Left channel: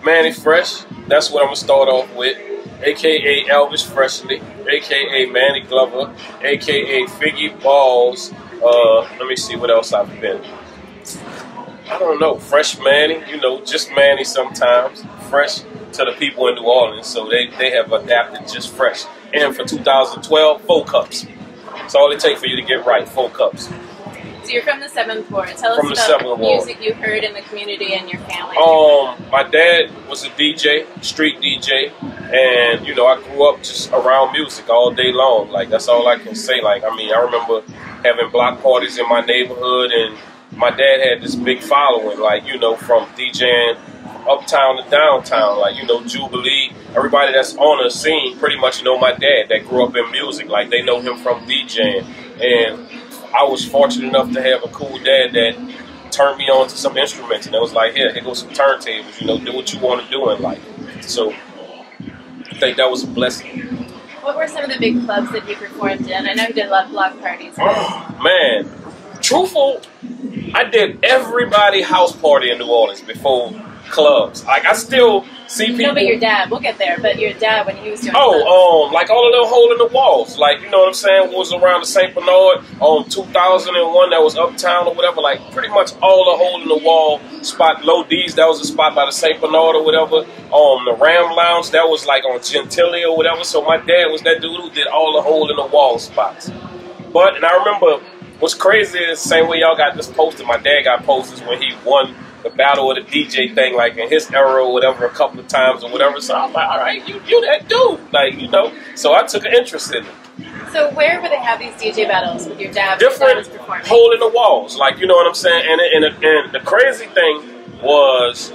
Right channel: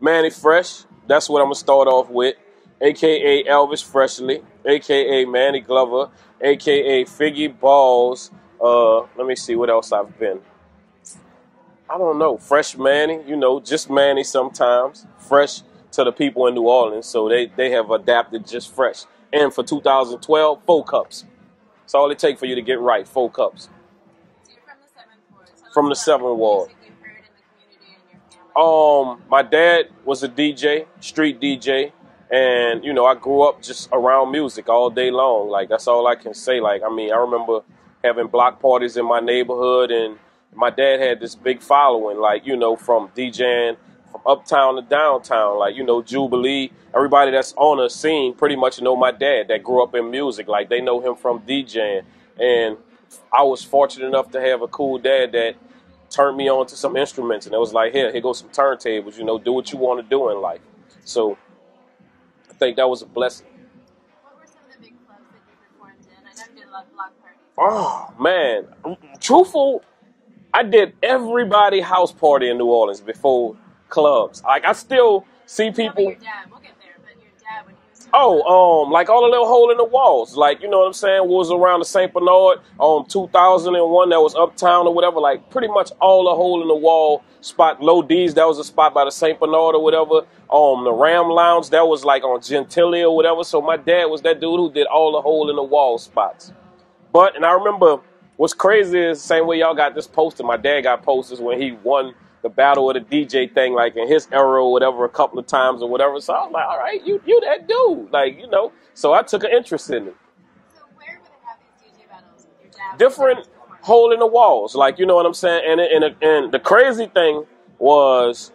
Mannie Fresh. That's what I'm gonna start off with. AKA Elvis Freshly, AKA Manny Glover, AKA Figgy Balls. Let me see what else I've been. I don't know. Fresh Manny, you know, just Manny sometimes. Fresh to the people in New Orleans, so they have adapted just Fresh. And for 2012, 4 cups. That's all it takes for you to get right, 4 cups. So you're from the 7th Ward. Tell from us the about 7th Ward. Music you heard in the community and your family. My dad was a DJ, street DJ, and you know I grew up just around music all day long. Like that's all I can say. Like I mean, I remember having block parties in my neighborhood, and my dad had this big following. Like you know, from DJing from uptown to downtown. Like you know, Jubilee. Everybody that's on the scene pretty much know my dad that grew up in music. Like they know him from DJing, and I was fortunate enough to have a cool dad that turned me on to some instruments, and it was like, here goes some turntables, you know, do what you want to do in life. So I think that was a blessing. What were some of the big clubs that you performed in? I know you did a lot of block parties. Oh, man. Truthful, I did everybody house party in New Orleans before clubs. Like, I still see people. No, but your dad, we'll get there, but your dad when he was doing like all the little hole in the walls. Like, you know what I'm saying, was around the St. Bernard, 2001, that was uptown or whatever. Like, pretty much all the hole in the wall spot. Low D's, that was a spot by the St. Bernard or whatever. The Ram Lounge, that was like on Gentilly or whatever. So my dad was that dude who did all the hole in the wall spots. And I remember, what's crazy is the same way y'all got this poster, my dad got posters when he won the battle of the DJ thing, like in his era or whatever, a couple of times or whatever. So I'm like, all right, you that dude, like you know. So I took an interest in it. So where would they have these DJ battles with your dad? Different hole in the walls, like you know what I'm saying. And the crazy thing was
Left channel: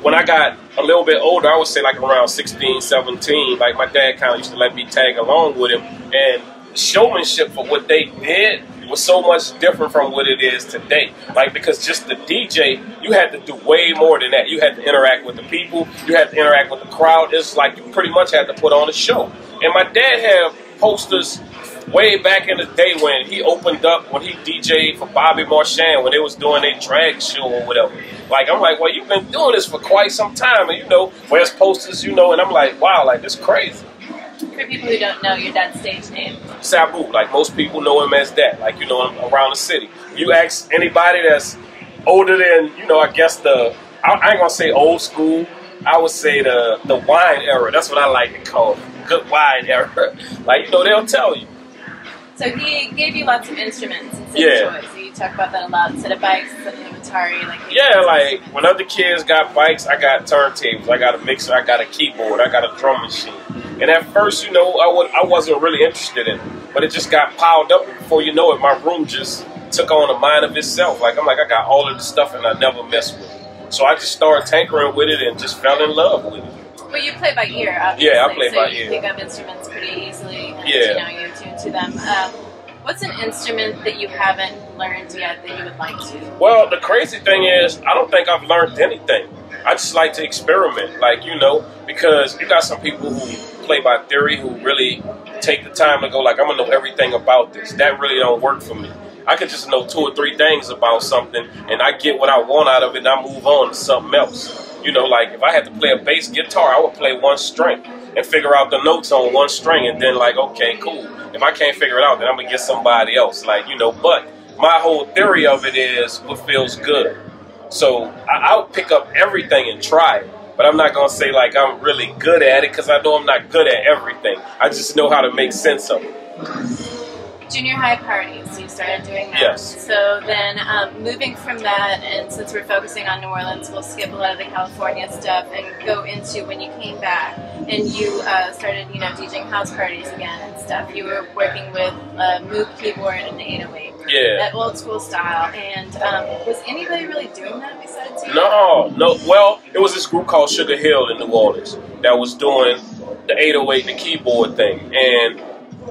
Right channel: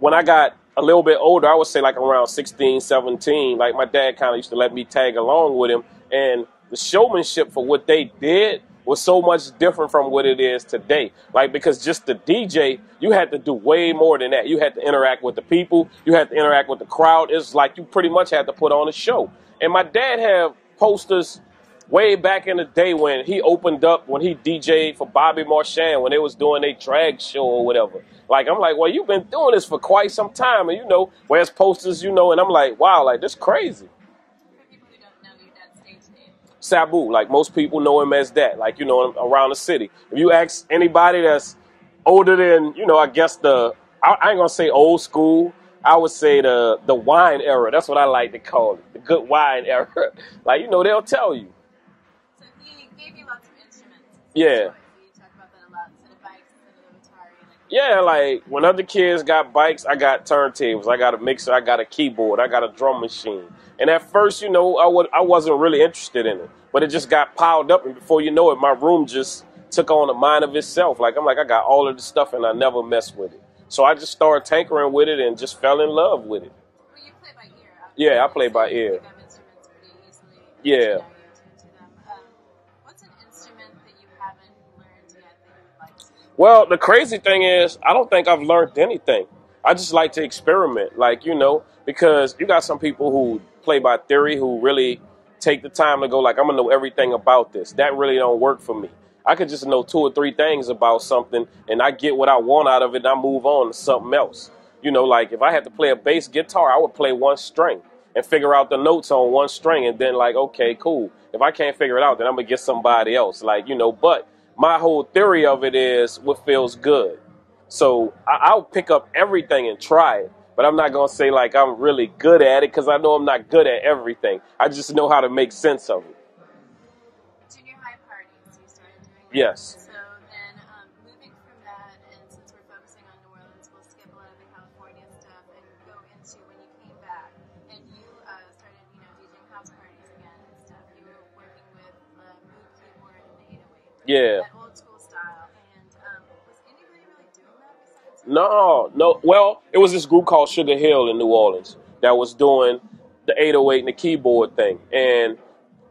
when I got a little bit older, I would say like around 16, 17. Like my dad kind of used to let me tag along with him, and the showmanship for what they did was so much different from what it is today. Like, because just the DJ, you had to do way more than that. You had to interact with the people. You had to interact with the crowd. It's like you pretty much had to put on a show. And my dad had posters way back in the day when he opened up, when he DJ'd for Bobby Marchand, when they was doing their drag show or whatever. Like, I'm like, well, you've been doing this for quite some time. And, you know, where's posters, you know, and I'm like, wow, like, this crazy. For people who don't know your dad's stage name. Sabu, like most people know him as that, like, you know, around the city. When you ask anybody that's older than, you know, I guess I ain't gonna say old school, I would say the wine era. That's what I like to call it, the good wine era. Like, you know, they'll tell you. So he gave you lots of instruments and yeah. toys. So you talk about that a lot. Instead of bikes, instead of Atari. Like yeah, like when other kids got bikes, I got turntables, I got a mixer, I got a keyboard, I got a drum machine. And at first, you know, I wasn't really interested in it, but it just got piled up, and before you know it, my room just took on a mind of itself. Like I'm like, I got all of this stuff and I never mess with it. So I just started tinkering with it and just fell in love with it. Well, you play by ear, obviously. Yeah, I play by ear. ear. You pick up instruments pretty easily. And, yeah. You know, you tune to them. What's an instrument that you haven't learned yet that you would like to? Well, the crazy thing is, I don't think I've learned anything. I just like to experiment, like, you know, because you got some people who play by theory, who really take the time to go like, I'm going to know everything about this. That really don't work for me. I could just know 2 or 3 things about something, and I get what I want out of it, and I move on to something else. You know, like, if I had to play a bass guitar, I would play one string and figure out the notes on one string, and then like, okay, cool. If I can't figure it out, then I'm going to get somebody else. Like, you know, but my whole theory of it is what feels good. So I'll pick up everything and try it, but I'm not going to say like I'm really good at it, because I know I'm not good at everything. I just know how to make sense of it. Junior high parties, so you started doing that. Yes. So then moving from that, and since we're focusing on New Orleans, we'll skip a lot of the California stuff and go into when you came back and you started, you know, DJing house parties again and stuff. You were working with moog keyboard and 808. Yeah. That old school style. And was anybody really doing that besides you? No. Well, it was this group called Sugarhill in New Orleans that was doing the 808 and the keyboard thing. And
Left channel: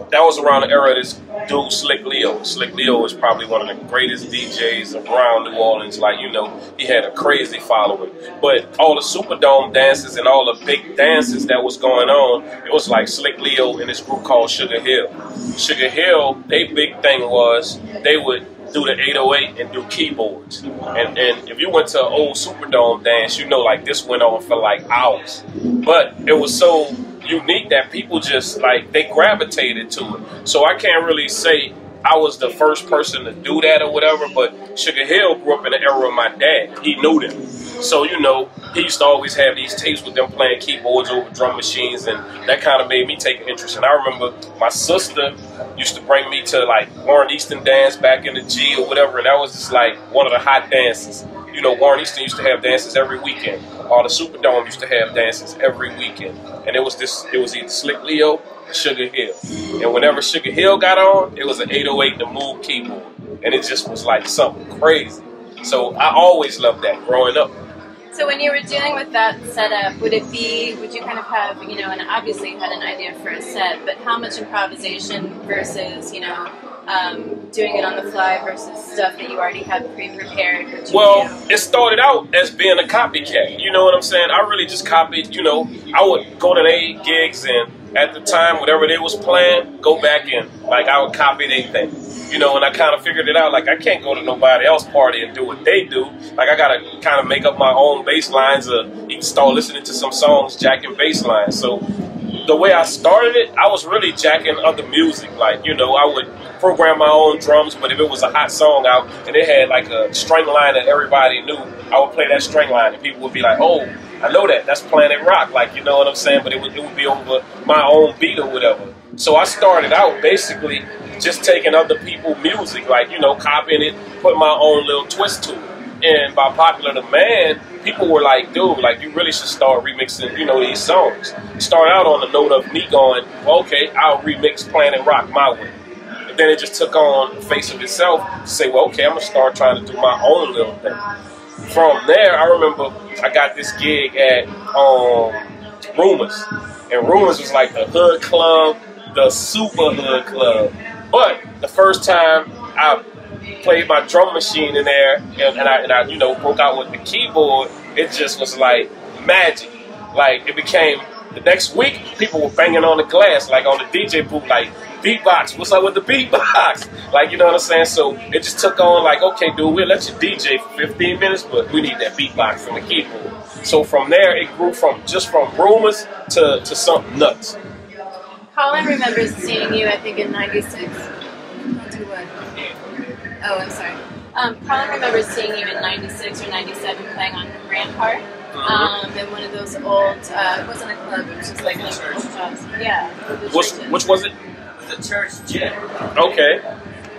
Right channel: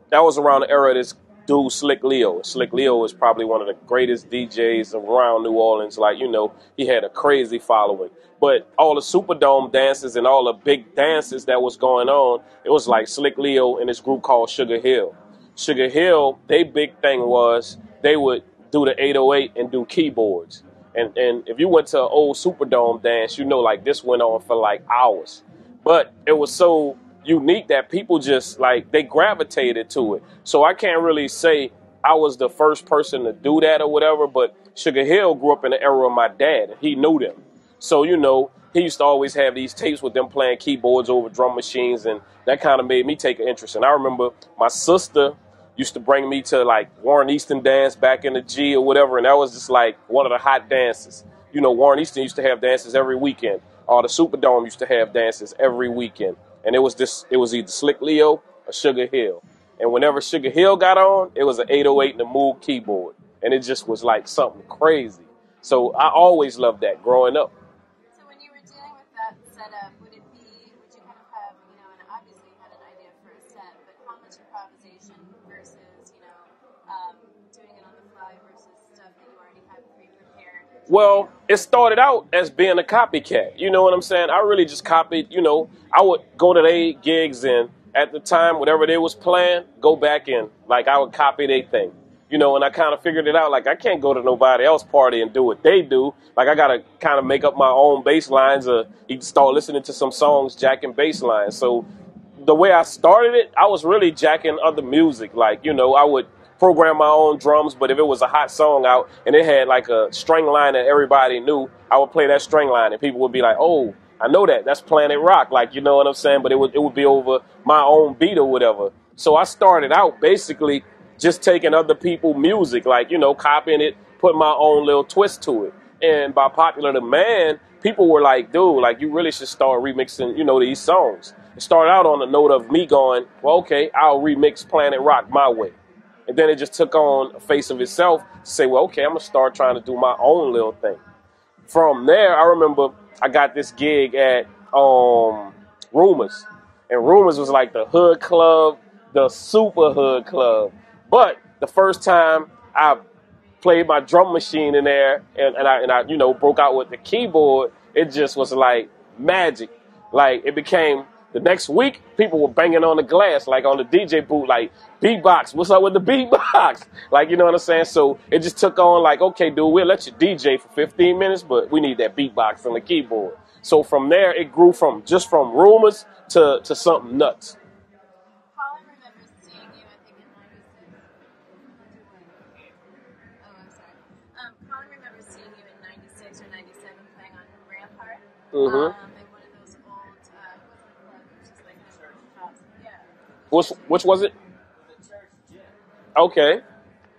that was around the era of this dude, Slick Leo. Slick Leo was probably one of the greatest DJs around New Orleans. Like, you know, he had a crazy following. But all the Superdome dances and all the big dances that was going on, it was like Slick Leo and this group called Sugarhill. Sugarhill, their big thing was they would do the 808 and do keyboards. And if you went to an old Superdome dance, you know, like this went on for like hours. But it was so unique that people just like, they gravitated to it. So I can't really say I was the first person to do that or whatever, but Sugarhill grew up in the era of my dad. He knew them. So, you know, he used to always have these tapes with them playing keyboards over drum machines, and that kind of made me take an interest. And I remember my sister used to bring me to like Warren Easton dance back in the G or whatever, and that was just like one of the hot dances. You know, Warren Easton used to have dances every weekend. Or the Superdome used to have dances every weekend. And it was either Slick Leo or Sugarhill. And whenever Sugarhill got on, it was an 808 the moog keyboard. And it just was like something crazy. So I always loved that growing up. So when you were dealing with that setup, would you kind of have, you know, and obviously you had an idea for a set, but how much improvisation versus, you know, doing it on the fly versus stuff that you already had pre-prepared? Well, it started out as being a copycat. You know what I'm saying? I really just copied, you know, I would go to their gigs and at the time, whatever they was playing, go back and, like, I would copy their thing. You know, and I kind of figured it out, like, I can't go to nobody else's party and do what they do. Like, I got to kind of make up my own bass lines or start listening to some songs, jacking bass lines. So the way I started it, I was really jacking other music. Like, you know, I would program my own drums, but if it was a hot song out and it had like a string line that everybody knew, I would play that string line and people would be like, oh, I know that. That's Planet Rock. Like, you know what I'm saying? But it would be over my own beat or whatever. So I started out basically just taking other people's music, like, you know, copying it, putting my own little twist to it. And by popular demand, people were like, dude, like, you really should start remixing, you know, these songs. Start out on the note of me going, well, okay, I'll remix Planet Rock my way. And then it just took on the face of itself to say, well, okay, I'm going to start trying to do my own little thing. From there, I remember I got this gig at Rumors. And Rumors was like the hood club, the super hood club. But the first time I played my drum machine in there and I you know, broke out with the keyboard, it just was like magic. Like, it became, the next week, people were banging on the glass, like on the DJ booth, like, beatbox, what's up with the beatbox? Like, you know what I'm saying? So it just took on like, okay, dude, we'll let you DJ for 15 minutes, but we need that beatbox from the keyboard. So from there, it grew from Rumors to something nuts. Colin remembers seeing you, I think, in '96. Do what? Oh, I'm sorry. Colin remembers seeing you in '96 or '97 playing on Rampart. In one of those old, it wasn't a club, it was just like an old house. Yeah. Which was it? The church gym. Okay.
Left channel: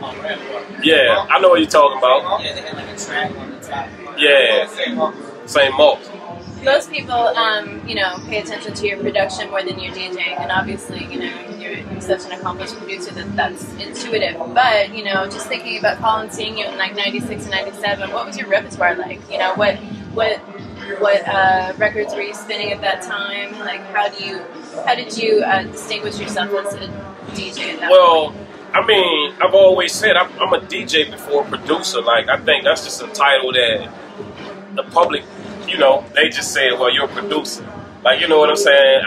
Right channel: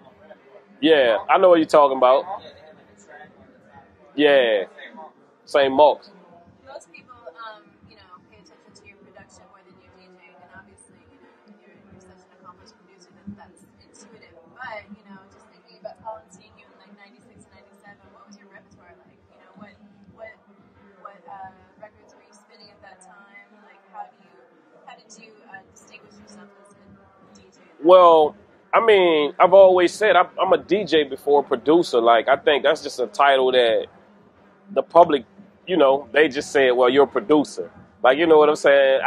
On Rampart. Yeah, I know what you're talking about. Yeah, they had like a track on the top. Yeah. Same malt. Most people, you know, pay attention to your production more than your DJing, and obviously, you know, you're such an accomplished producer that's intuitive. But, you know, just thinking about Colin seeing you in like '96 and '97, what was your repertoire like? You know, what records were you spinning at that time? Like, how did you distinguish yourself as a DJ at that point? I mean, I've always said I'm a DJ before a producer. Like, I think that's just a title that the public, you know, they just say, well, you're a producer. Like, you know what I'm saying?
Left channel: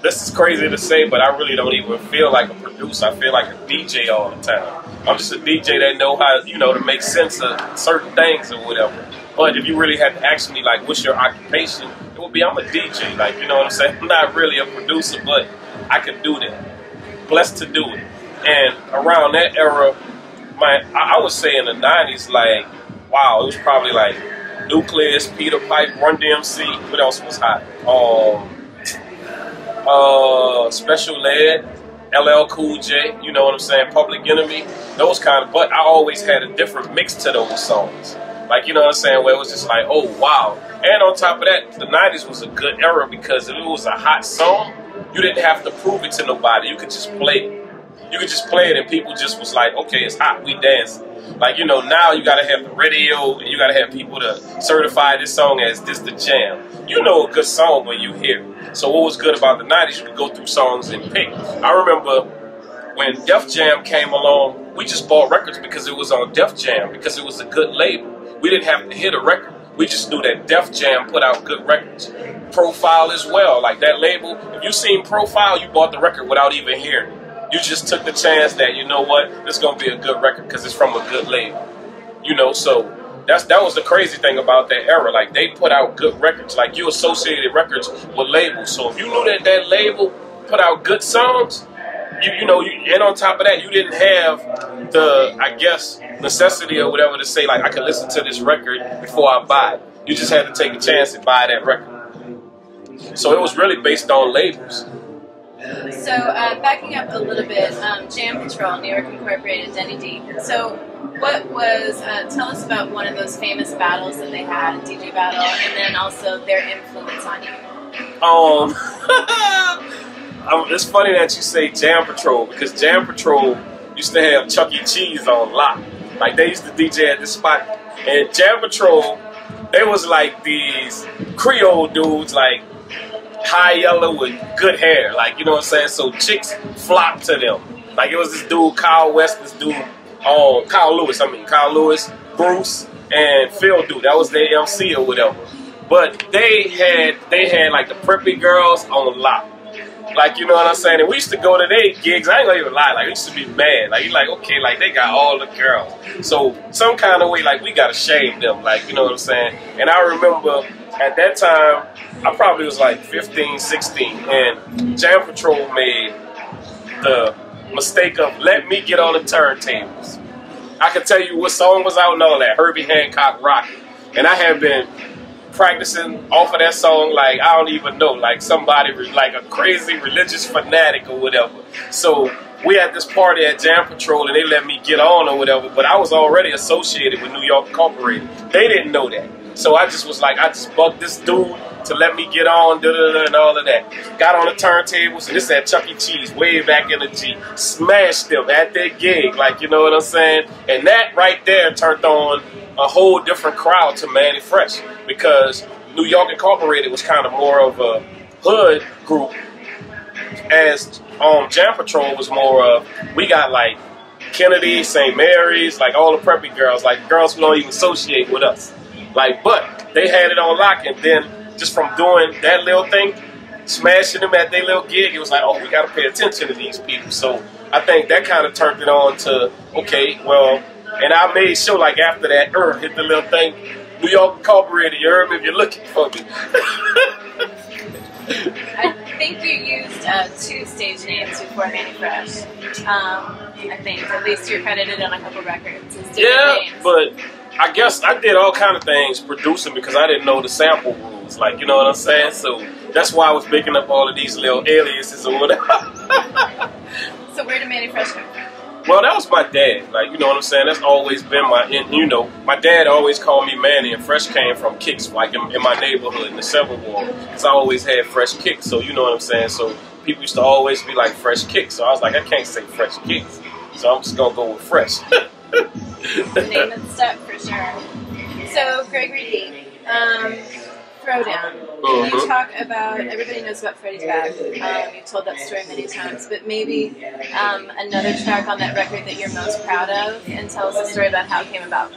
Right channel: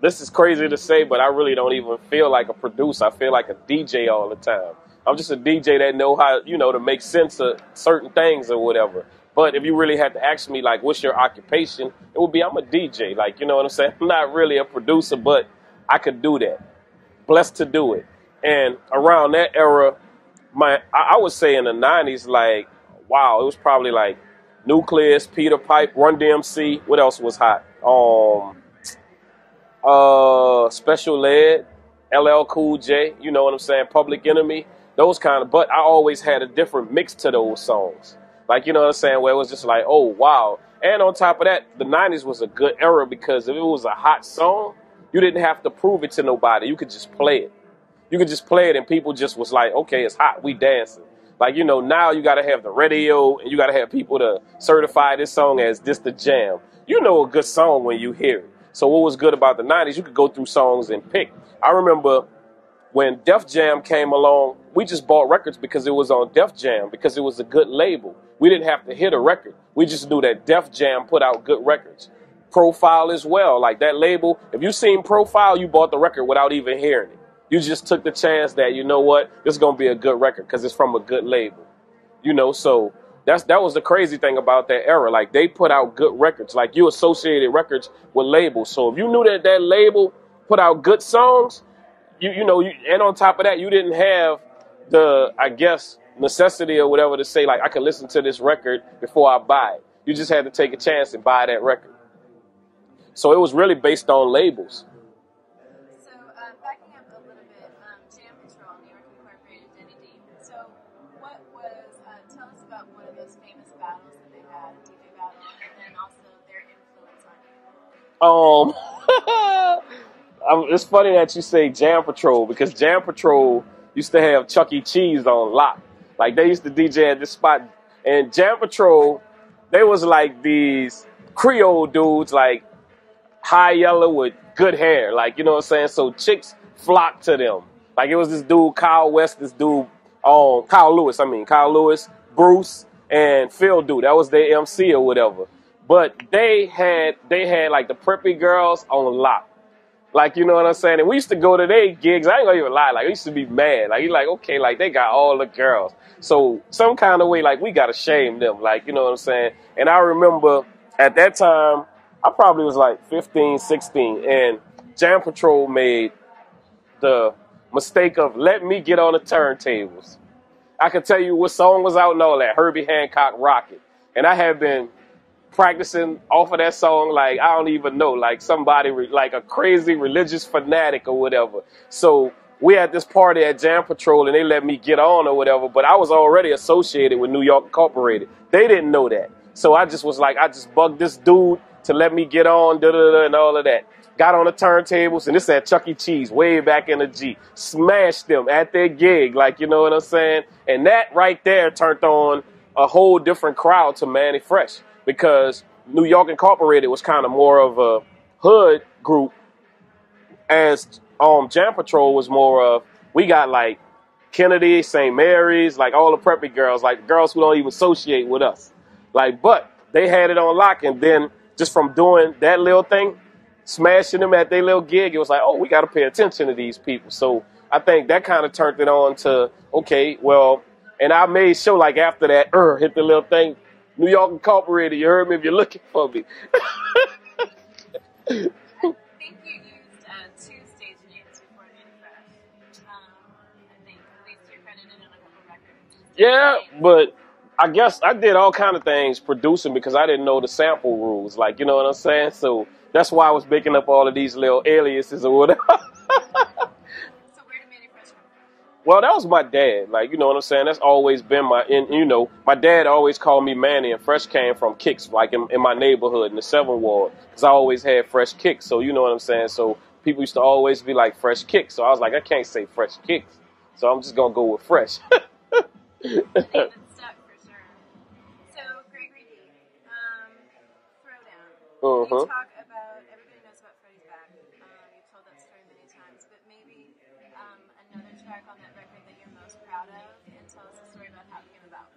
This is crazy to say, but I really don't even feel like a producer. I feel like a DJ all the time. I'm just a DJ that know how, you know, to make sense of certain things or whatever. But if you really had to ask me, like, what's your occupation, it would be I'm a DJ. Like, you know what I'm saying? I'm not really a producer, but I could do that. Blessed to do it. And around that era, I would say in the 90s, like, wow, it was probably like Nucleus, Peter Pipe, Run DMC. What else was hot? Special Ed, LL Cool J, you know what I'm saying? Public Enemy, those kind of. But I always had a different mix to those songs. Like, you know what I'm saying? Where it was just like, oh, wow. And on top of that, the 90s was a good era because if it was a hot song, you didn't have to prove it to nobody. You could just play it. You could just play it and people just was like, okay, it's hot, we dancing. Like, you know, now you got to have the radio and you got to have people to certify this song as this the jam. You know a good song when you hear it. So what was good about the 90s, you could go through songs and pick. I remember when Def Jam came along, we just bought records because it was on Def Jam, because it was a good label. We didn't have to hit a record. We just knew that Def Jam put out good records. Profile as well, like that label. If you seen Profile, you bought the record without even hearing it. You just took the chance that, you know what, this is going to be a good record because it's from a good label. You know, so that was the crazy thing about that era. Like, they put out good records. Like, you associated records with labels. So if you knew that that label put out good songs, you know, and on top of that, you didn't have the, I guess, necessity or whatever to say, like, I can listen to this record before I buy it. You just had to take a chance and buy that record. So it was really based on labels. So backing up a little bit, Jam Patrol, New York Incorporated, Davey D. So what was, tell us about one of those famous battles that they had, DJ battle, and then also their influence on you. It's funny that you say Jam Patrol, because Jam Patrol used to have Chuck E. Cheese on lock. Like, they used to DJ at this spot. And Jam Patrol, they was like these Creole dudes, like high yellow with good hair. Like, you know what I'm saying? So chicks flocked to them. Like, it was this dude, Kyle West, this dude, Kyle Lewis, Bruce, and Phil dude. That was their MC or whatever. But they had like the preppy girls on lock. Like, you know what I'm saying? And we used to go to their gigs. I ain't gonna even lie. Like, we used to be mad. Like, you're like, okay, like, they got all the girls. So, some kind of way, like, we gotta shame them. Like, you know what I'm saying? And I remember at that time, I probably was like 15, 16. And Jam Patrol made the mistake of let me get on the turntables. I can tell you what song was out and all that. Herbie Hancock Rocket. And I had been practicing off of that song, like, I don't even know, like somebody, like a crazy religious fanatic or whatever. So we had this party at Jam Patrol and they let me get on or whatever, but I was already associated with New York Incorporated. They didn't know that. So I just was like, I just bugged this dude to let me get on, and all of that. Got on the turntables, and this at Chuck E. Cheese, way back in the G. Smashed them at their gig, like, you know what I'm saying? And that right there turned on a whole different crowd to Mannie Fresh, because New York Incorporated was kind of more of a hood group, as Jam Patrol was more of, we got like Kennedy, St. Mary's, like all the preppy girls, like girls who don't even associate with us. Like, but they had it on lock, and then just from doing that little thing, smashing them at their little gig, it was like, oh, we got to pay attention to these people. So I think that kind of turned it on to, okay, well, and I made sure, like, after that, hit the little thing, New York Incorporated, you heard me if you're looking for me. I think you used 2 stage names before Mannie Fresh. I think, at least you're credited on a couple records. Yeah, names. But I guess I did all kind of things producing because I didn't know the sample rules, like, you know what I'm saying? So that's why I was picking up all of these little aliases or whatever. So where did Mannie Fresh come from? Well, that was my dad, like, you know what I'm saying? That's always been you know, my dad always called me Mannie, and Fresh came from Kicks, like in my neighborhood in the 7th Ward, because I always had Fresh Kicks, so you know what I'm saying? So people used to always be like Fresh Kicks, so I was like, I can't say Fresh Kicks, so I'm just going to go with Fresh. The name and stuff for sure. So, Gregory D, Throwdown. Can you talk about, everybody knows about Freddie's Bag. You've told that story many times, but maybe another track on that record that you're most proud of, and tell us a story about how it came about.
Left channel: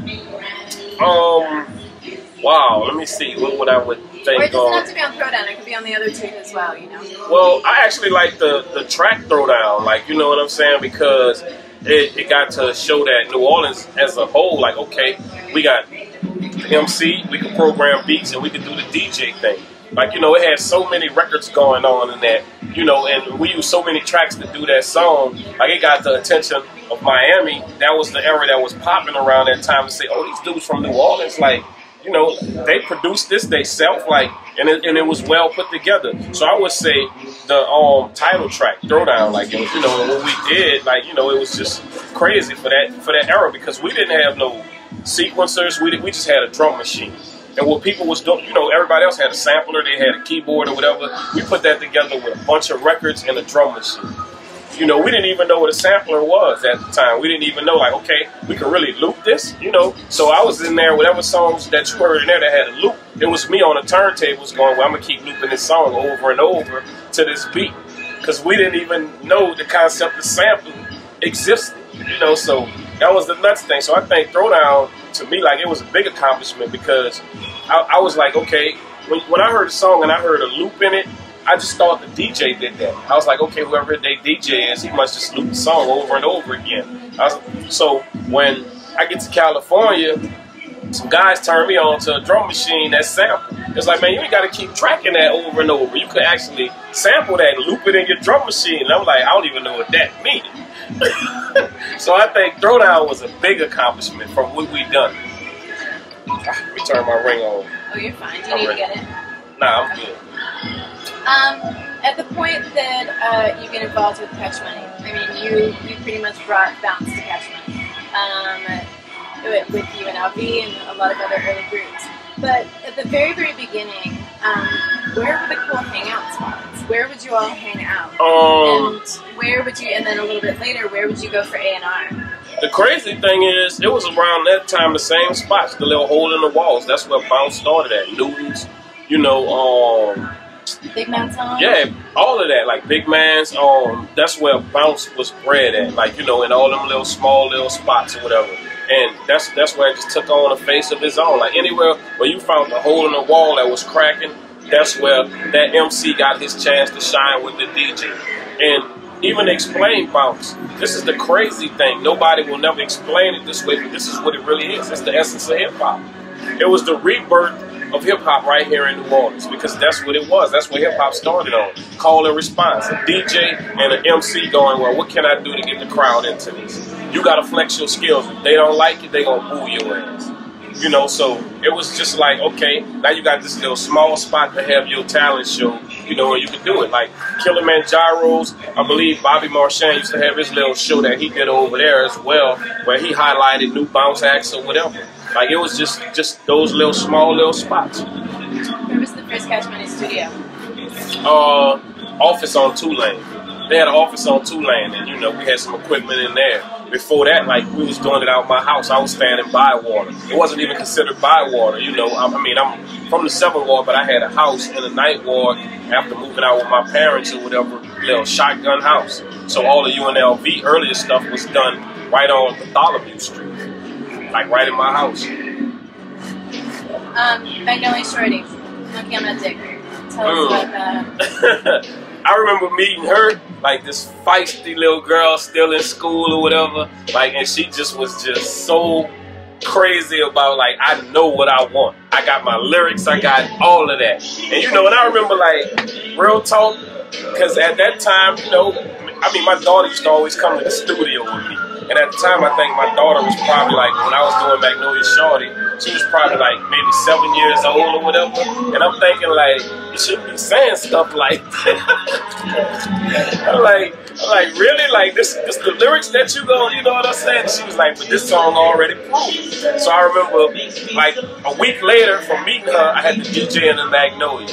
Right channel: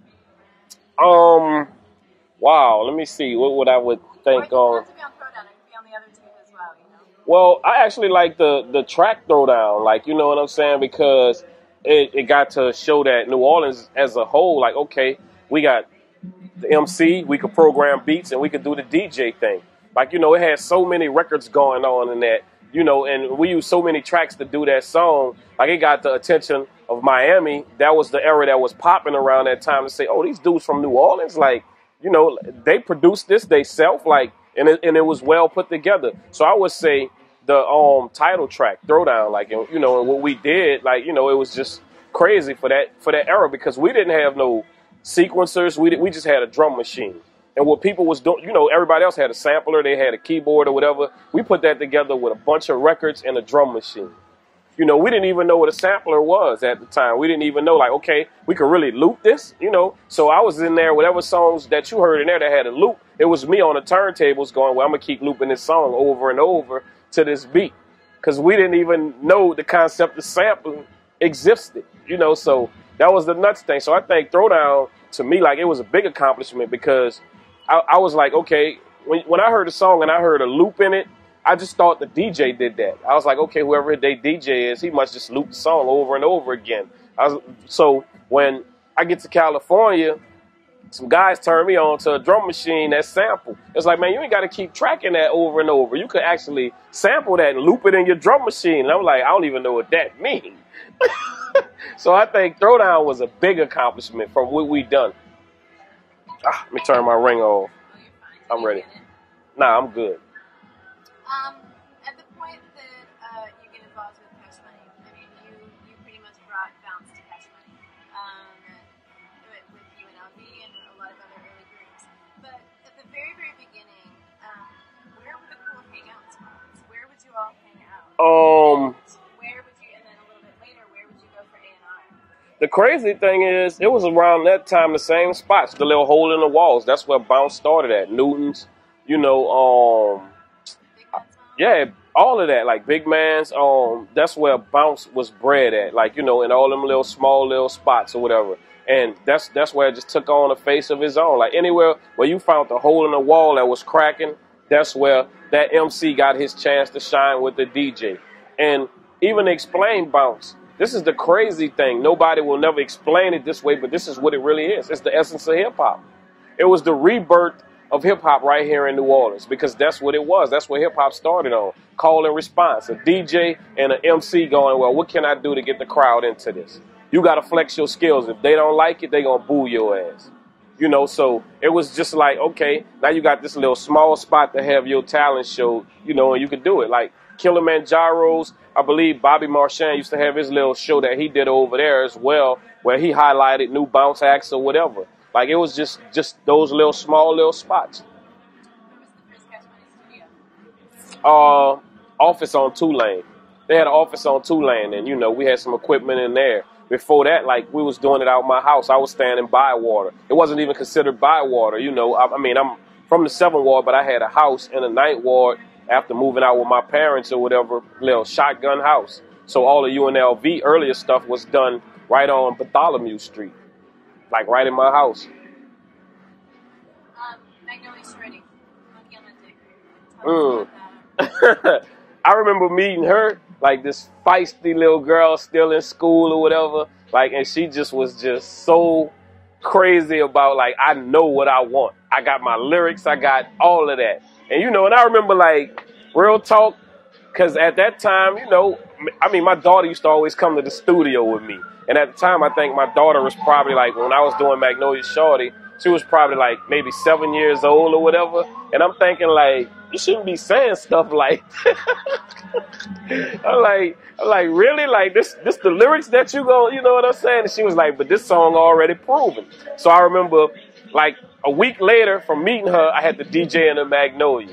Wow, let me see, what I would think. Or it doesn't have to be on Throwdown, it could be on the other two as well, you know? Well, I actually like the track Throwdown, like, you know what I'm saying, because it got to show that New Orleans as a whole, like, okay, we got the MC, we could program beats, and we could do the DJ thing. Like, you know, it had so many records going on in that, you know, and we used so many tracks to do that song. Like, it got the attention of Miami. That was the era that was popping around that time to say, oh, these dudes from New Orleans, like, you know, they produced this themselves, like, and it was well put together. So I would say the title track, Throwdown, like, you know, when we did, like, you know, it was just crazy for that era, because we didn't have no sequencers. We just had a drum machine. And what people was doing, you know, everybody else had a sampler, they had a keyboard or whatever. We put that together with a bunch of records and a drum machine. You know, we didn't even know what a sampler was at the time. We didn't even know, like, okay, we could really loop this, you know. So I was in there, whatever songs that you heard in there that had a loop, it was me on the turntables going, well, I'm going to keep looping this song over and over to this beat. Because we didn't even know the concept of sampling existed, you know. So that was the nuts thing. So I think Throwdown, to me, like, it was a big accomplishment, because I was like, okay, when I heard a song and I heard a loop in it, I just thought the DJ did that. I was like, okay, whoever they DJ is, he must just loop the song over and over again. So when I get to California, some guys turn me on to a drum machine that sample. It's like, man, you ain't got to keep tracking that over and over. You could actually sample that and loop it in your drum machine. And I'm like, I don't even know what that means. So I think Throwdown was a big accomplishment from what we done. Let me turn my ring on. Oh, you're fine. Do you need to get it? Nah, I'm good. At the point that you get involved with Cash Money, I mean, you pretty much brought bounce to Cash Money with UNLV and a lot of other early groups. But at the very, very beginning, where were the cool hangout spots? Where would you all hang out? And where would you? And then a little bit later, where would you go for A&R? The crazy thing is, it was around that time the same spots, the little hole in the walls. That's where bounce started at. Newton's, you know, Big Man's Home? Yeah, all of that, like Big Man's, that's where bounce was bred at, like, you know, in all them little small little spots or whatever. And that's where it just took on a face of its own. Like anywhere where you found a hole in the wall that was cracking, that's where that MC got his chance to shine with the DJ. And even explain bounce. This is the crazy thing. Nobody will never explain it this way, but this is what it really is. It's the essence of hip-hop. It was the rebirth of hip-hop right here in New Orleans, because that's what it was. That's what hip-hop started on. Call and response. A DJ and an MC going, well, what can I do to get the crowd into this? You got to flex your skills. If they don't like it, they going to boo your ass. You know, so it was just like, okay, now you got this little small spot to have your talent show, you know, and you could do it. Like Kilimanjaro's, I believe Bobby Marchand used to have his little show that he did over there as well, where he highlighted new bounce acts or whatever. Like it was just those little small little spots. Where was the first Cash Money studio? Office on Tulane. They had an office on Tulane, and you know, we had some equipment in there. Before that, like, we was doing it out of my house. I was standing by water. It wasn't even considered by water, you know. I mean, I'm from the 7th Ward, but I had a house in the 9th Ward after moving out with my parents or whatever, little shotgun house. So all the UNLV earlier stuff was done right on Bartholomew Street, like right in my house. Magnolia Shorty, Monkey on that dick. Tell us about that. I remember meeting her, like this feisty little girl still in school or whatever, like, and she just was just so crazy about, like, I know what I want. I got my lyrics, I got all of that. And you know, and I remember, like, real talk, because at that time, you know, I mean, my daughter used to always come to the studio with me. And at the time, I think my daughter was probably like, when I was doing Magnolia Shorty, she was probably like maybe 7 years old or whatever. And I'm thinking like, you shouldn't be saying stuff like that. I'm like, really? Like this the lyrics that you know what I'm saying? And she was like, but this song already proven. So I remember like a week later from meeting her, I had the DJ in the Magnolia.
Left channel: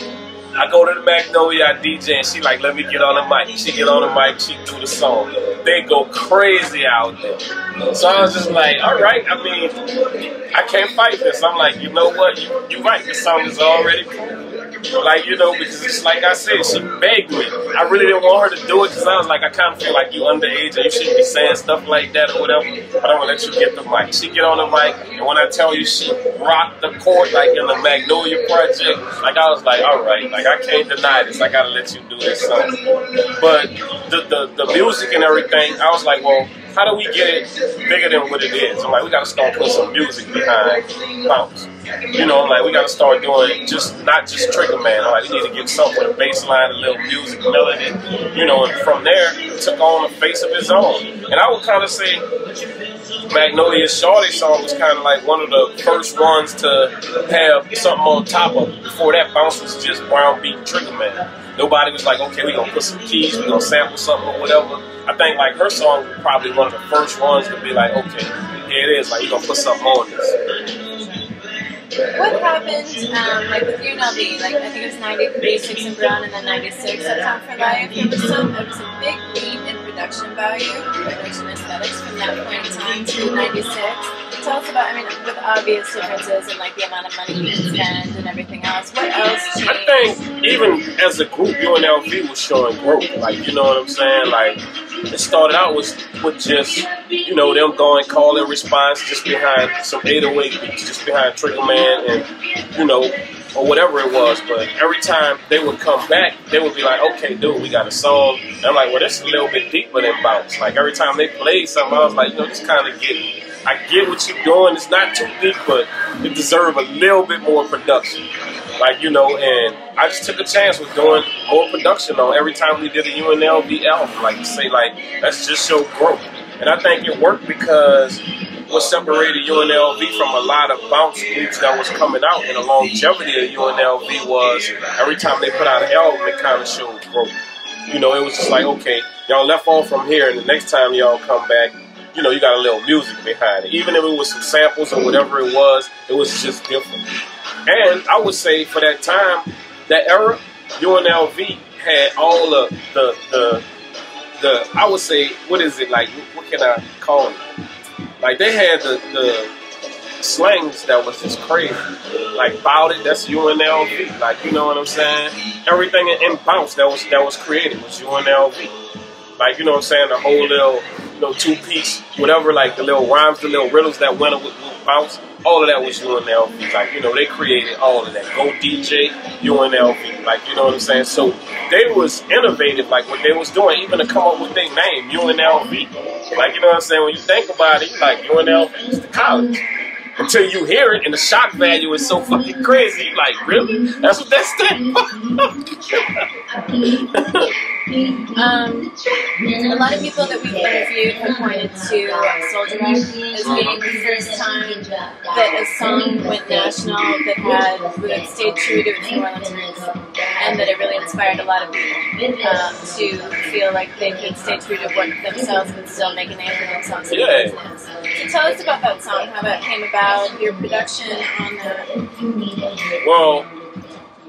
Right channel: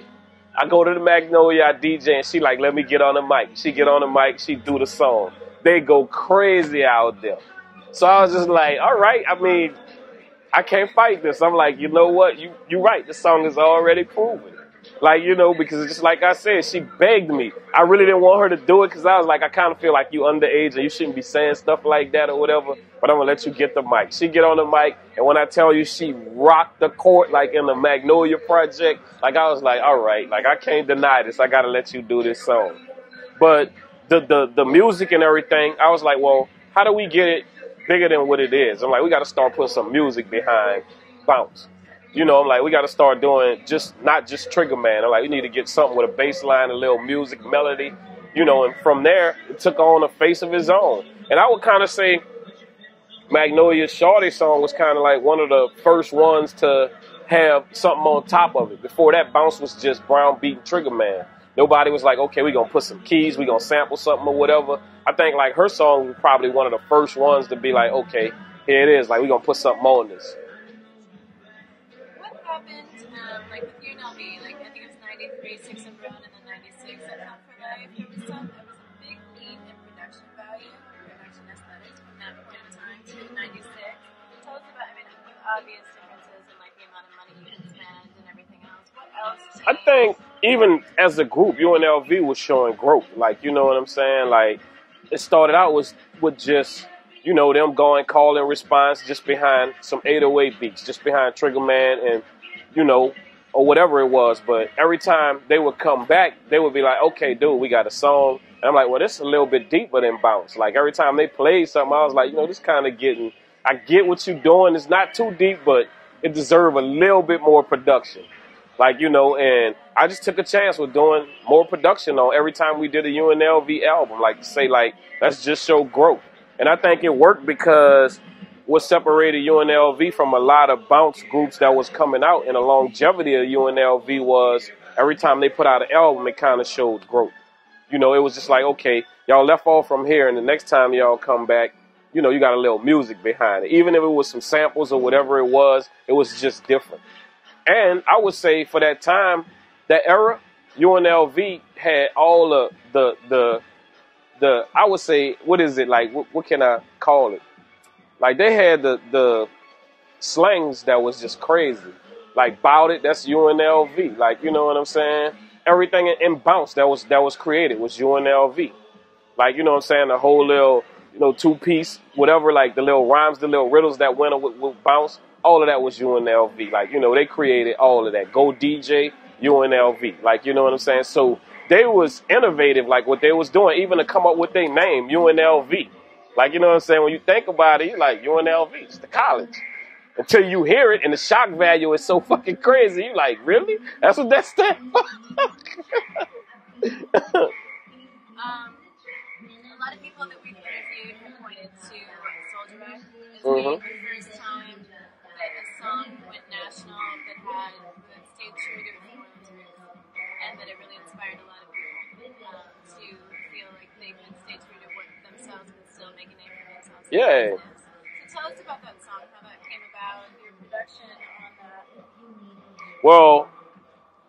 I go to the Magnolia, I DJ, and she like, let me get on the mic. She get on the mic, she do the song. They go crazy out there. So I was just like, all right, I mean, I can't fight this. I'm like, you know what? You right, the song is already proven. Like, you know, because just like I said, she begged me. I really didn't want her to do it because I was like, I kind of feel like you underage and you shouldn't be saying stuff like that or whatever, but I'm going to let you get the mic. She get on the mic, and when I tell you she rocked the court like in the Magnolia Project, like I was like, all right, like I can't deny this. I got to let you do this song. But the music and everything, I was like, well, how do we get it bigger than what it is? I'm like, we got to start putting some music behind bounce. You know, like we got to start doing not just Trigger Man. I'm like, we need to get something with a bass line, a little music, melody, you know, and from there, it took on a face of its own. And I would kind of say Magnolia Shorty song was kind of like one of the first ones to have something on top of it. Before that, bounce was just brown beat Trigger Man. Nobody was like, okay, we're going to put some keys, we're going to sample something or whatever. I think like her song was probably one of the first ones to be like, okay, here it is, like we're going to put something on this. What happened, like with UNLV, like I think it was 93, 6 and Brown, and then 96, Uptown for Life. It was a big leap in production value, production aesthetics from that point in time to 96. Tell us about, I mean, with obvious differences in like the amount of money you can spend and everything else. What else changed? I think even as a group, UNLV was showing growth. Like, you know what I'm saying? Like, it started out with just, you know, them going call and response just behind some 808 beats, just behind Trigger Man and, you know, or whatever it was. But every time they would come back, they would be like, okay, dude, we got a song. And I'm like, well, this is a little bit deeper than bounce. Like, every time they played something, I was like, you know, this kind of getting, I get what you're doing. It's not too deep, but it deserves a little bit more production. Like, you know, and I just took a chance with doing more production on every time we did a UNLV album. Like, say, like, let's just show growth. And I think it worked because what separated UNLV from a lot of bounce groups that was coming out in the longevity of UNLV was every time they put out an album, it kind of showed growth. You know, it was just like, okay, y'all left off from here, and the next time y'all come back, you know, you got a little music behind it. Even if it was some samples or whatever it was just different. And I would say for that time, that era, UNLV had all the I would say, what is it, like, what can I call it? Like, they had the slangs that was just crazy. Like, bout it, that's UNLV. Like, you know what I'm saying? Everything in bounce that was created was UNLV. Like, you know what I'm saying? The whole little, you know, two-piece, whatever, like the little rhymes, the little riddles that went with bounce, all of that was UNLV. Like, you know, they created all of that. Go DJ, UNLV. Like, you know what I'm saying? So they was innovative, like what they was doing, even to come up with their name, UNLV. Like, you know what I'm saying? When you think about it, you like, UNLV is the college. Until you hear it, and the shock value is so fucking crazy. You like, really? That's what that stands for? A lot of people that we've interviewed have pointed to Soldier Rag as being the first time that a song went national that stayed true to its New Orleans roots, and that it really inspired a lot of people to feel like they could stay true to what themselves but still make a name for themselves in the business. So tell us about that song, how that came about, your production on that. Well,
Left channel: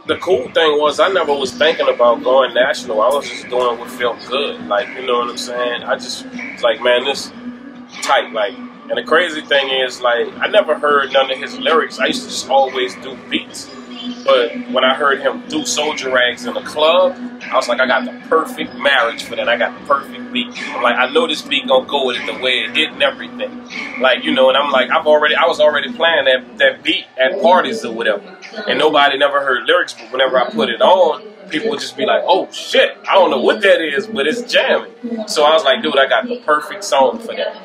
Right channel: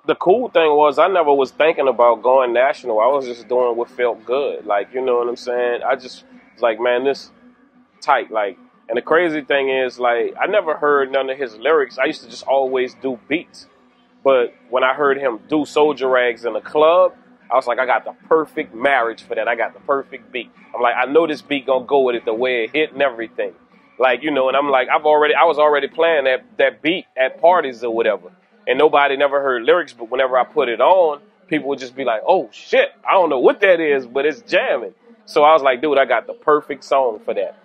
the cool thing was I never was thinking about going national. I was just doing what felt good. Like, you know what I'm saying? I just was like, man, this tight. Like, and the crazy thing is, like, I never heard none of his lyrics. I used to just always do beats. But when I heard him do Soldier Rags in a club, I was like, I got the perfect marriage for that. I got the perfect beat. I'm like, I know this beat gonna go with it the way it hit and everything. Like, you know, and I'm like, I was already playing that beat at parties or whatever. And nobody never heard lyrics, but whenever I put it on, people would just be like, oh shit, I don't know what that is, but it's jamming. So I was like, dude, I got the perfect song for that.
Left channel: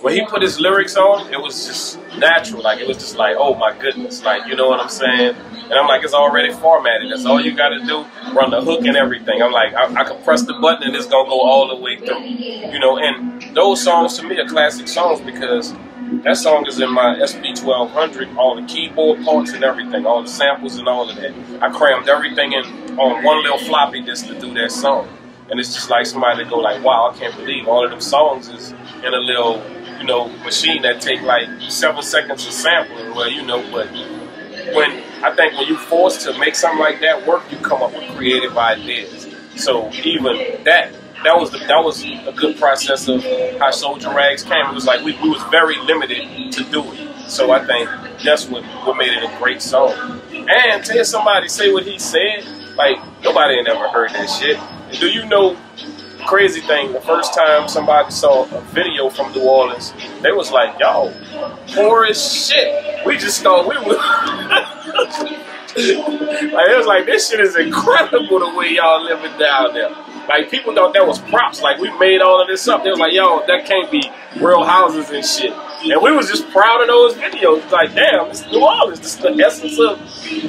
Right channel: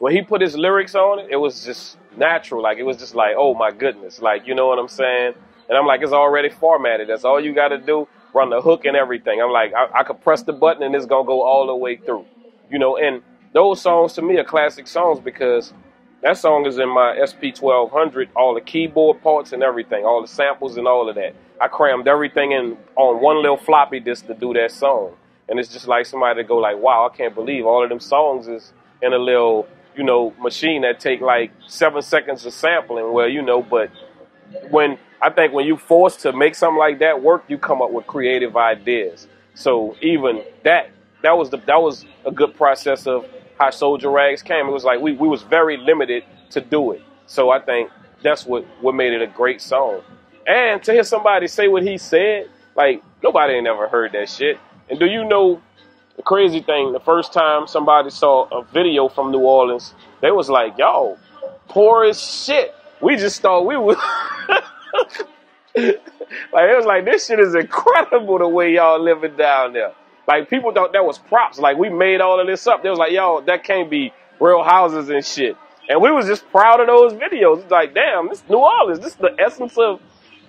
When he put his lyrics on, it was just natural. Like, it was just like, oh my goodness. Like, you know what I'm saying? And I'm like, it's already formatted. That's all you got to do, run the hook and everything. I'm like, I could press the button and it's going to go all the way through. You know, and those songs to me are classic songs because that song is in my SP1200, all the keyboard parts and everything, all the samples and all of that. I crammed everything in on one little floppy disk to do that song. And it's just like somebody to go like, wow, I can't believe all of them songs is in a little, you know, machine that take like 7 seconds of sampling. Well, you know, but I think when you forced to make something like that work, you come up with creative ideas. So even that was a good process of how Soldier Rags came. It was like we was very limited to do it. So I think that's what made it a great song. And to hear somebody say what he said, like, nobody ain't ever heard that shit. And do you know the crazy thing? The first time somebody saw a video from New Orleans, they was like, yo, poor as shit. We just thought we was... Like, it was like, this shit is incredible the way y'all living down there. Like, people thought that was props. Like, we made all of this up. They was like, yo, that can't be real houses and shit. And we was just proud of those videos. Like, damn, this is New Orleans. This is the essence of,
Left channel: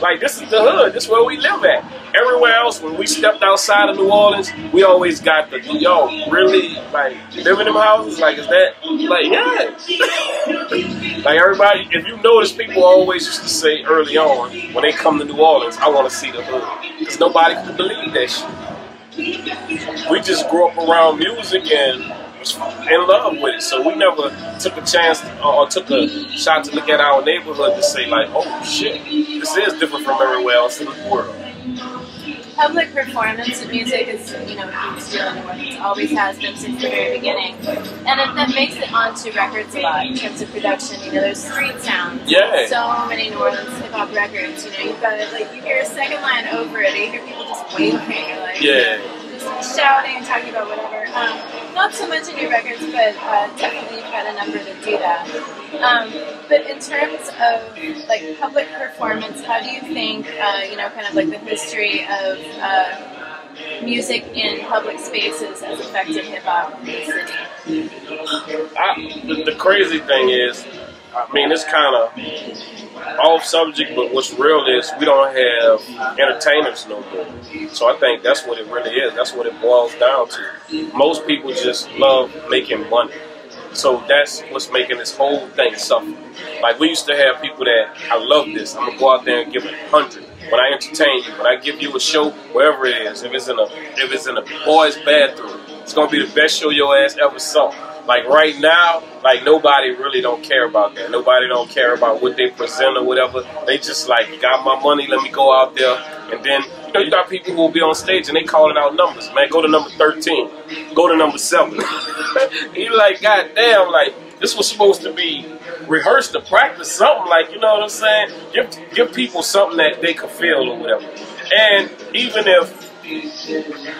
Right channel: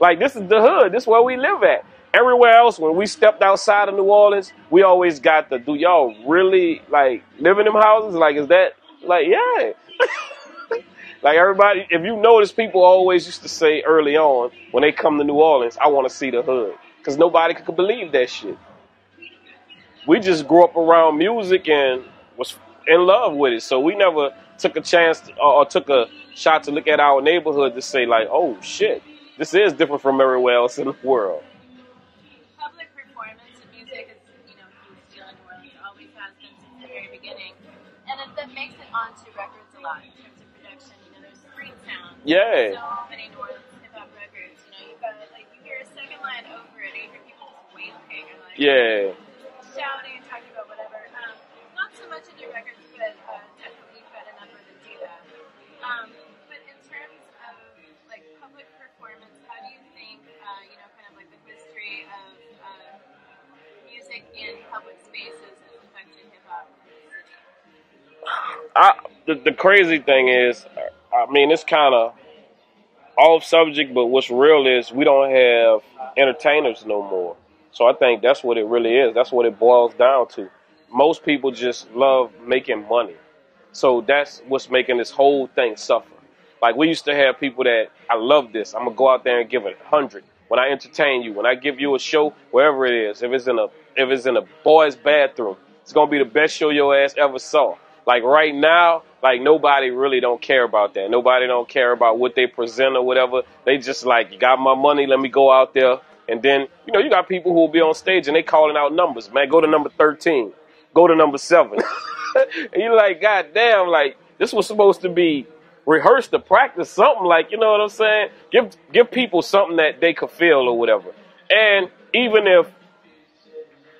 like, this is the hood. This is where we live at. Everywhere else, when we stepped outside of New Orleans, we always got the, do y'all really, like, live in them houses? Like, is that, like, yeah. Like, everybody, if you notice, people always used to say early on, when they come to New Orleans, I want to see the hood. Because nobody could believe that shit. We just grew up around music and was in love with it. So we never took a chance or took a shot to look at our neighborhood to say, like, oh, shit, this is different from everywhere else in the world. Public performance of music is, you know, a huge deal in New Orleans. Always has been since the very beginning. And that makes it onto records a lot in terms of production. You know, there's street sounds. Yeah. So many New Orleans hip-hop records. You know, you've got it, like, you hear a second line over it. You hear people just waving or, like, yeah, just shouting, talking about whatever. not so much in your records, but definitely you've got a number that do that. But in terms of like public performance, how do you think, you know, kind of like the history of music in public spaces has affected hip hop in the city? The crazy thing is, I mean, it's kind of off subject, but what's real is we don't have entertainers no more. So I think that's what it really is. That's what it boils down to. Most people just love making money. So that's what's making this whole thing suffer. Like, we used to have people that, I love this, I'm gonna go out there and give it 100. When I entertain you, when I give you a show, wherever it is, if it's in a boy's bathroom, it's gonna be the best show your ass ever saw. Like right now, like nobody really don't care about that. Nobody don't care about what they present or whatever. They just like, got my money, let me go out there. And then, you know, you got people who will be on stage and they calling out numbers. Man, go to number 13. Go to number 7. And you're like, God damn, like, this was supposed to be rehearsed to practice something, like, you know what I'm saying? Give people something that they could feel or whatever. And even if,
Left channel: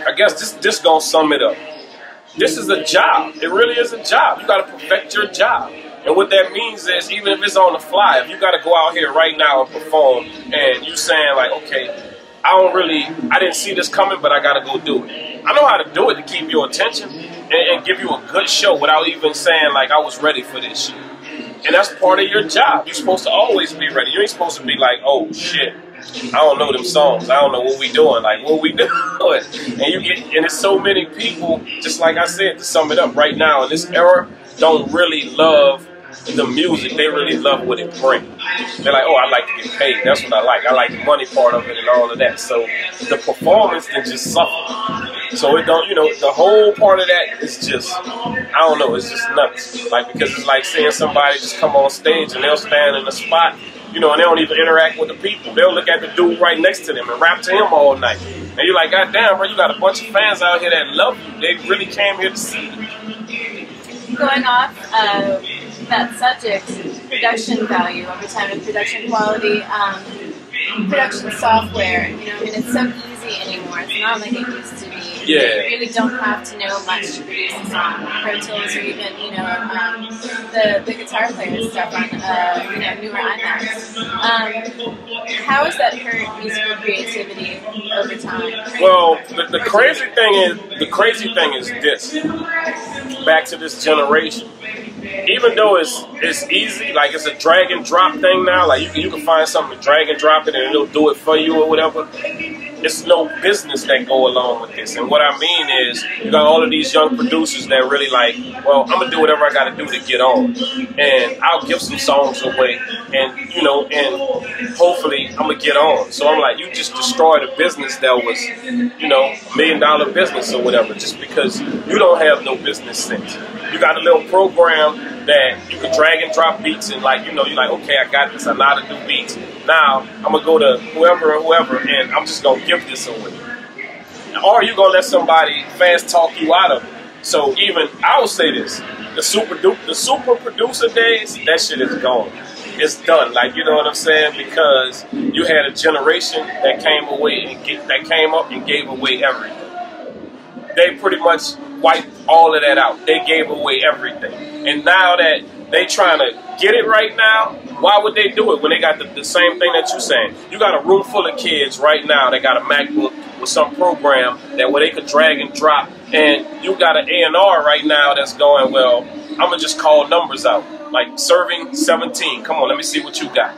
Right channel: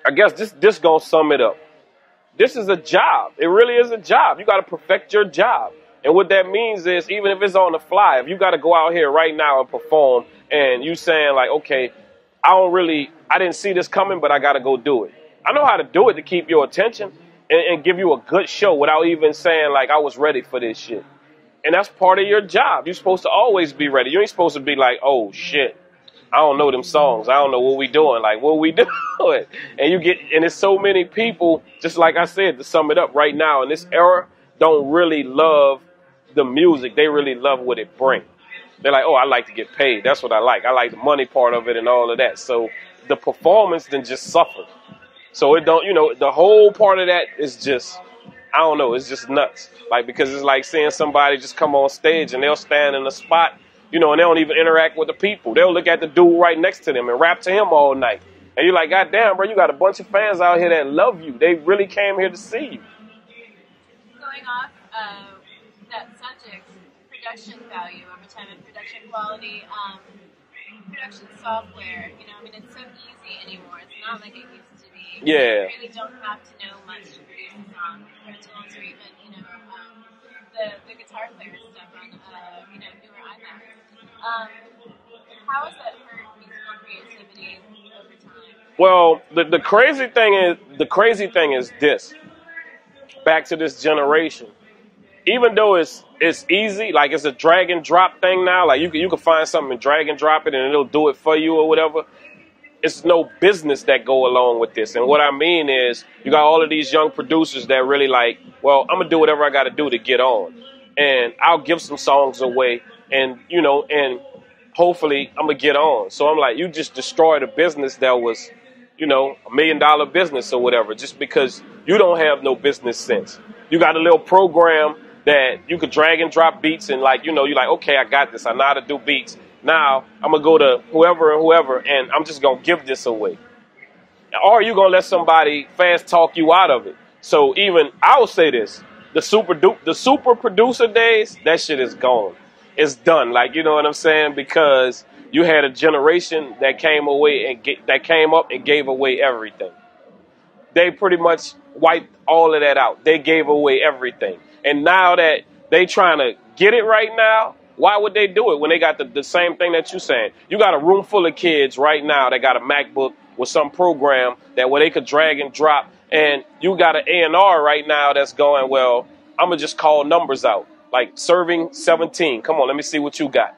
I guess this gonna sum it up. This is a job. It really is a job. You got to perfect your job. And what that means is, even if it's on the fly, if you got to go out here right now and perform, and you saying like, okay, I didn't see this coming, but I got to go do it. I know how to do it to keep your attention and give you a good show without even saying like, I was ready for this shit. And that's part of your job. You're supposed to always be ready. You ain't supposed to be like, oh shit, I don't know them songs. I don't know what we doing. Like, what we doing? And there's so many people, just like I said, to sum it up right now in this era, don't really love the music. They really love what it brings. They're like, oh, I like to get paid. That's what I like. I like the money part of it and all of that. So the performance then just suffer. So it don't, you know, the whole part of that is just, I don't know, it's just nuts. Like, because it's like seeing somebody just come on stage and they'll stand in a spot, you know, and they don't even interact with the people. They'll look at the dude right next to them and rap to him all night. And you're like, God damn, bro, you got a bunch of fans out here that love you. They really came here to see you. Going off that subject, production value over time and production quality, production software, you know, I mean, it's so easy anymore. It's not like it used to be. Yeah. You really don't have to know much to produce a song. Pro Tools or even, you know, the guitar player stuff on, you know, newer iMacs. How has that hurt musical creativity over time? Well, the crazy thing is this. Back to this generation. Even though it's easy, like it's a drag and drop thing now, like you can find something and drag and drop it and it'll do it for you or whatever. It's no business that go along with this. And what I mean is, you got all of these young producers that really like, well, I'm gonna do whatever I gotta do to get on. And I'll give some songs away and, you know, and hopefully I'm gonna get on. So I'm like, you just destroyed a business that was, you know, $1 million business or whatever, just because you don't have no business sense. You got a little program that you could drag and drop beats and like, you know, you're like, okay, I got this. I know how to do beats. Now I'm going to go to whoever and I'm just going to give this away. Or you're going to let somebody fast talk you out of it. So even, I will say this, the super producer days, that shit is gone. It's done. Like, you know what I'm saying? Because you had a generation that came up and gave away everything. They pretty much wiped all of that out. They gave away everything. And now that they trying to get it right now, why would they do it when they got the same thing that you're saying? You got a room full of kids right now that got a MacBook with some program that where they could drag and drop, and you got an A&R right now that's going, well, I'm going to just call numbers out. Like serving 17. Come on, let me see what you got.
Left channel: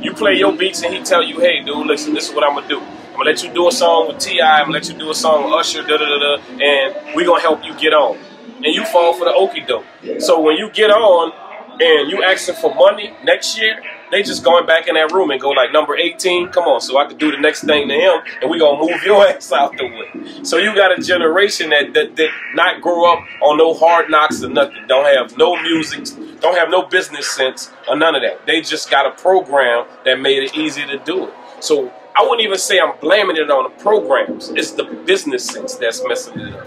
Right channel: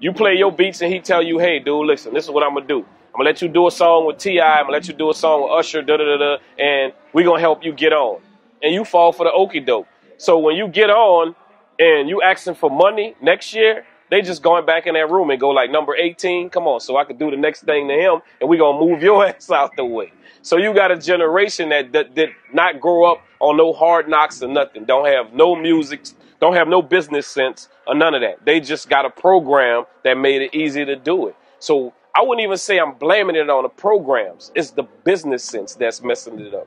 You play your beats and he tell you, hey, dude, listen, this is what I'm going to do. I'm going to let you do a song with T.I., I'm going to let you do a song with Usher, da-da-da-da, and we're going to help you get on. And you fall for the okie doke. So when you get on and you asking for money next year, they just going back in that room and go like, number 18, come on, so I could do the next thing to him, and we're going to move your ass out the way. So you got a generation that did not grow up on no hard knocks or nothing, don't have no music, don't have no business sense or none of that. They just got a program that made it easy to do it. So I wouldn't even say I'm blaming it on the programs. It's the business sense that's messing it up.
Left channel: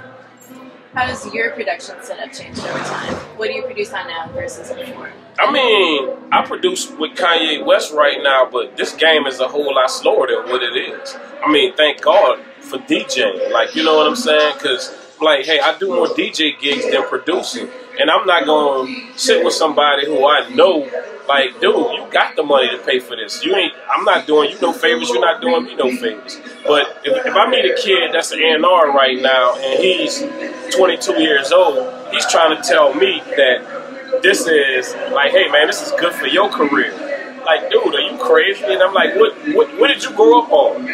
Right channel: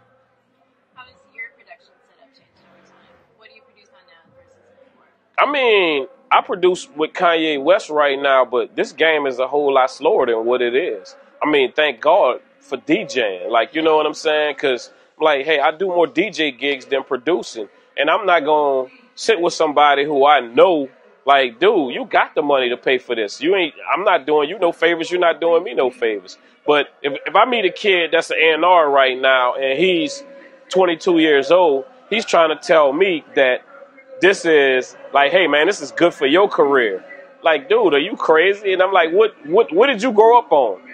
How does your production setup change over time? What do you produce on now versus before? I mean, I produce with Kanye West right now, but this game is a whole lot slower than what it is. I mean, thank God for DJing. Like, you know what I'm saying? Because like, hey, I do more DJ gigs than producing, and I'm not gonna sit with somebody who I know, like, dude, you got the money to pay for this. I'm not doing you no favors. You're not doing me no favors. But if I meet a kid that's an A&R right now and he's 22 years old, he's trying to tell me that this is like, hey man, this is good for your career. Like, dude, are you crazy? And I'm like, what did you grow up on?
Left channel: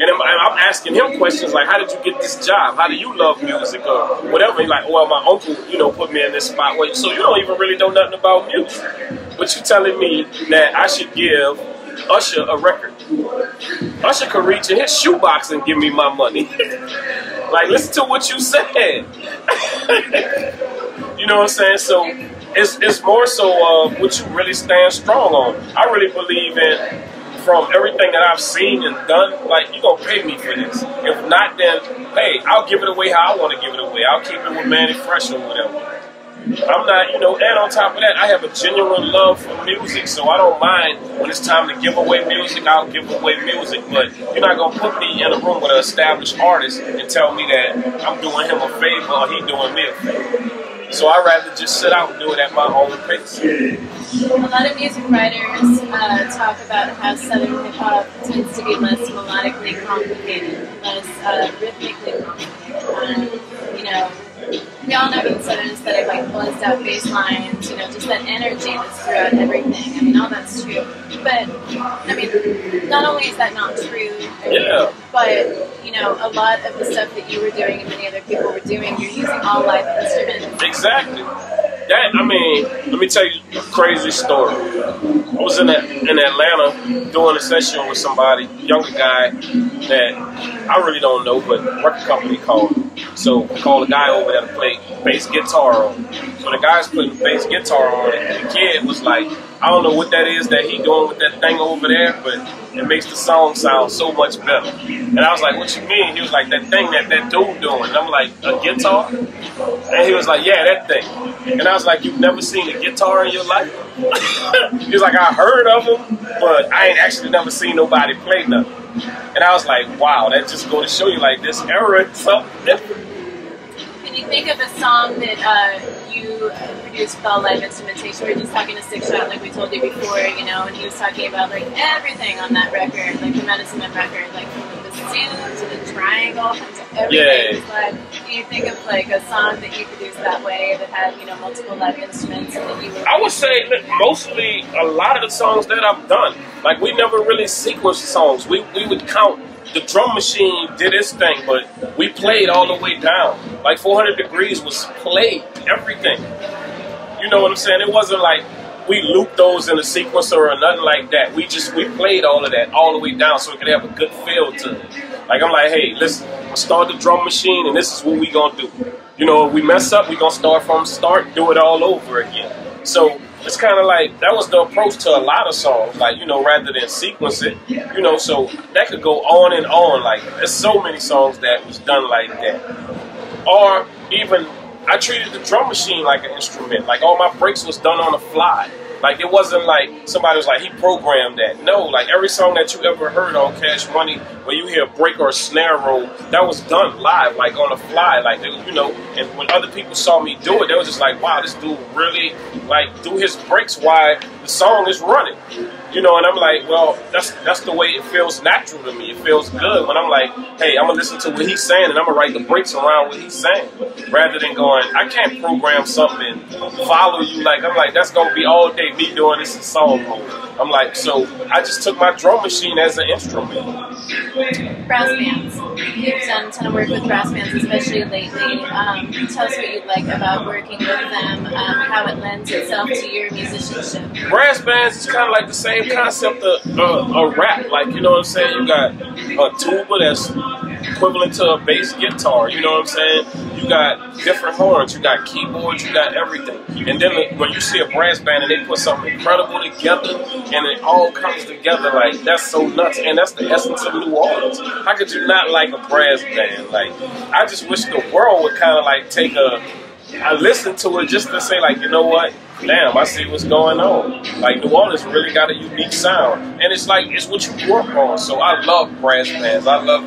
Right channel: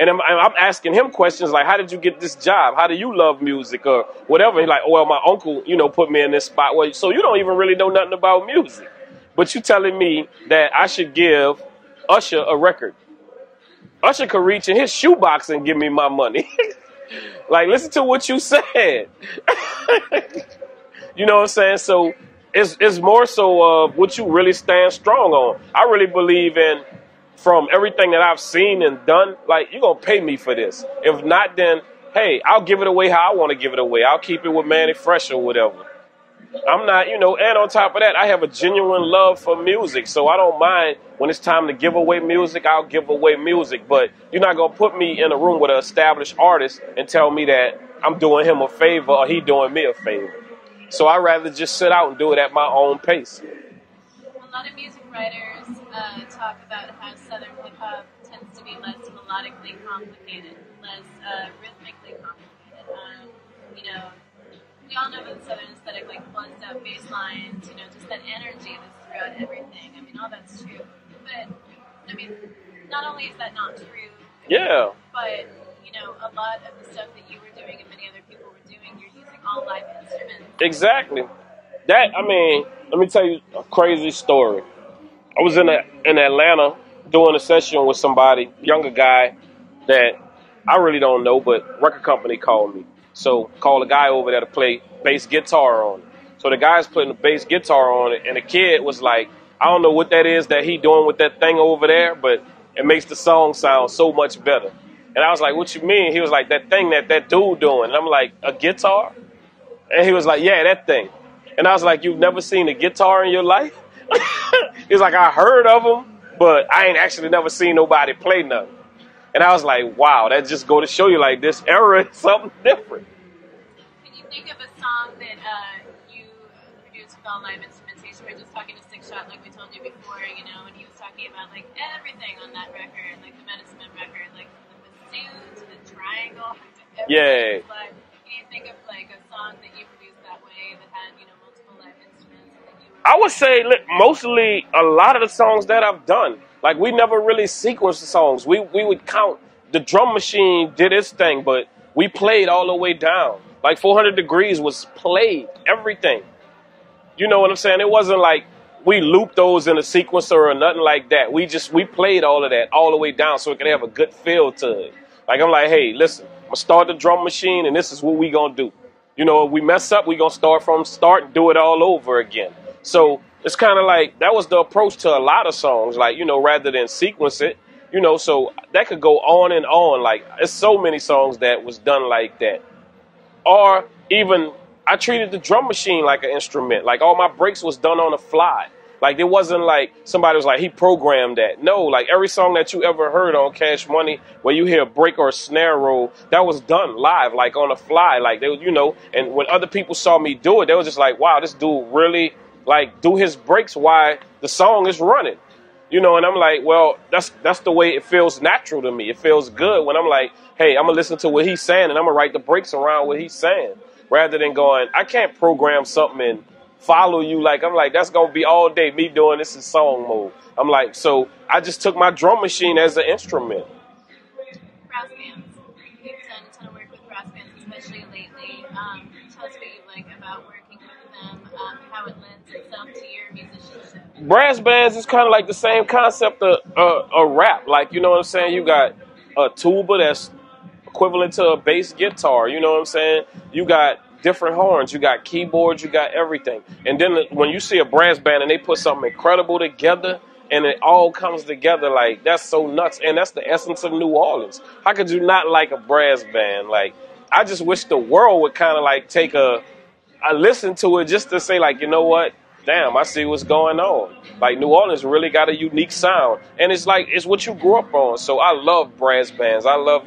And I'm asking him questions like, how did you get this job? How do you love music or whatever? He's like, well, my uncle, put me in this spot. Well, so you don't even really know nothing about music. But you telling me that I should give Usher a record. Usher could reach in his shoebox and give me my money. Like, listen to what you said. You know what I'm saying? So it's more so what you really stand strong on. I really believe in, from everything that I've seen and done, like, you're going to pay me for this. If not, then, hey, I'll give it away how I want to give it away. I'll keep it with Mannie Fresh or whatever. I'm not, and on top of that, I have a genuine love for music, so I don't mind when it's time to give away music, I'll give away music, but you're not going to put me in a room with an established artist and tell me that I'm doing him a favor or he doing me a favor. So I'd rather just sit out and do it at my own pace. A lot of music writers talk about how Southern hip-hop tends to be less melodically complicated, less rhythmically complicated. We all know the Southern aesthetic, like buzzed out bass lines, just that energy that's throughout everything. I mean, all that's true. But, I mean, not only is that not true, yeah, but, a lot of the stuff that you were doing and many other people were doing, you're using all live instruments. Exactly. Let me tell you a crazy story. I was in Atlanta doing a session with somebody, younger guy that I really don't know, but record company called me. So called a guy over there to play bass guitar on. So the guy's putting the bass guitar on it, and the kid was like, I don't know what that is that he doing with that thing over there, but it makes the song sound so much better. And I was like, what you mean? He was like, that thing that dude doing. And I'm like, a guitar? And he was like, yeah, that thing. And I was like, you've never seen a guitar in your life? He was like, I heard of them, but I ain't actually never seen nobody play nothing. And I was like, wow, that just go to show you, like, this era is something different. Can you think of a song that you produced with all live instrumentation? We were just talking to Six Shot, like we told you before, and he was talking about, like, everything on that record, like the Medicine Man record, like from the bassoon to the triangle, to everything was live. Can you think of, like, a song that you produced that way that had, multiple live instruments and that you were... I would say, mostly, a lot of the songs that I've done, like, we never really sequenced songs. We would count. The drum machine did its thing, but we played all the way down. Like 400 Degreez was played, everything. You know what I'm saying? It wasn't like we looped those in a sequencer or nothing like that. We played all of that all the way down so it could have a good feel to it. Like, I'm like, hey, let's start the drum machine and this is what we gonna do. If we mess up, we gonna start from start, do it all over again. So it's kind of like, that was the approach to a lot of songs, like, rather than sequence it, so that could go on and on. Like, there's so many songs that was done like that. Or even, I treated the drum machine like an instrument. Like, all my breaks was done on the fly. Like, it wasn't like somebody was like, he programmed that. No, like, every song that you ever heard on Cash Money, where you hear a break or a snare roll, that was done live, like, on the fly. Like, they, and when other people saw me do it, they was just like, wow, this dude really, like, do his breaks while the song is running. And I'm like, well, that's the way it feels natural to me. It feels good when I'm like, hey, I'm going to listen to what he's saying and I'm going to write the breaks around what he's saying. Rather than going, I can't program something and follow you. Like, I'm like, that's going to be all day me doing this in song mode. I'm like, so I just took my drum machine as an instrument. Brass bands. You've done a ton of work with brass bands, especially lately. Tell us what you like about working with them, how it lends itself to your musicianship. Brass bands is kind of like the same concept of a rap. Like, you know what I'm saying? You got a tuba that's equivalent to a bass guitar, you know what I'm saying? You got different horns, you got keyboards, you got everything. And then when you see a brass band and they put something incredible together and it all comes together, like, that's so nuts. And that's the essence of New Orleans. How could you not like a brass band? Like, I just wish the world would kind of like take I listen to it just to say, like, you know what? Damn, I see what's going on. Like, New Orleans really got a unique sound. And it's like, it's what you grew up on. So I love brass bands. I love,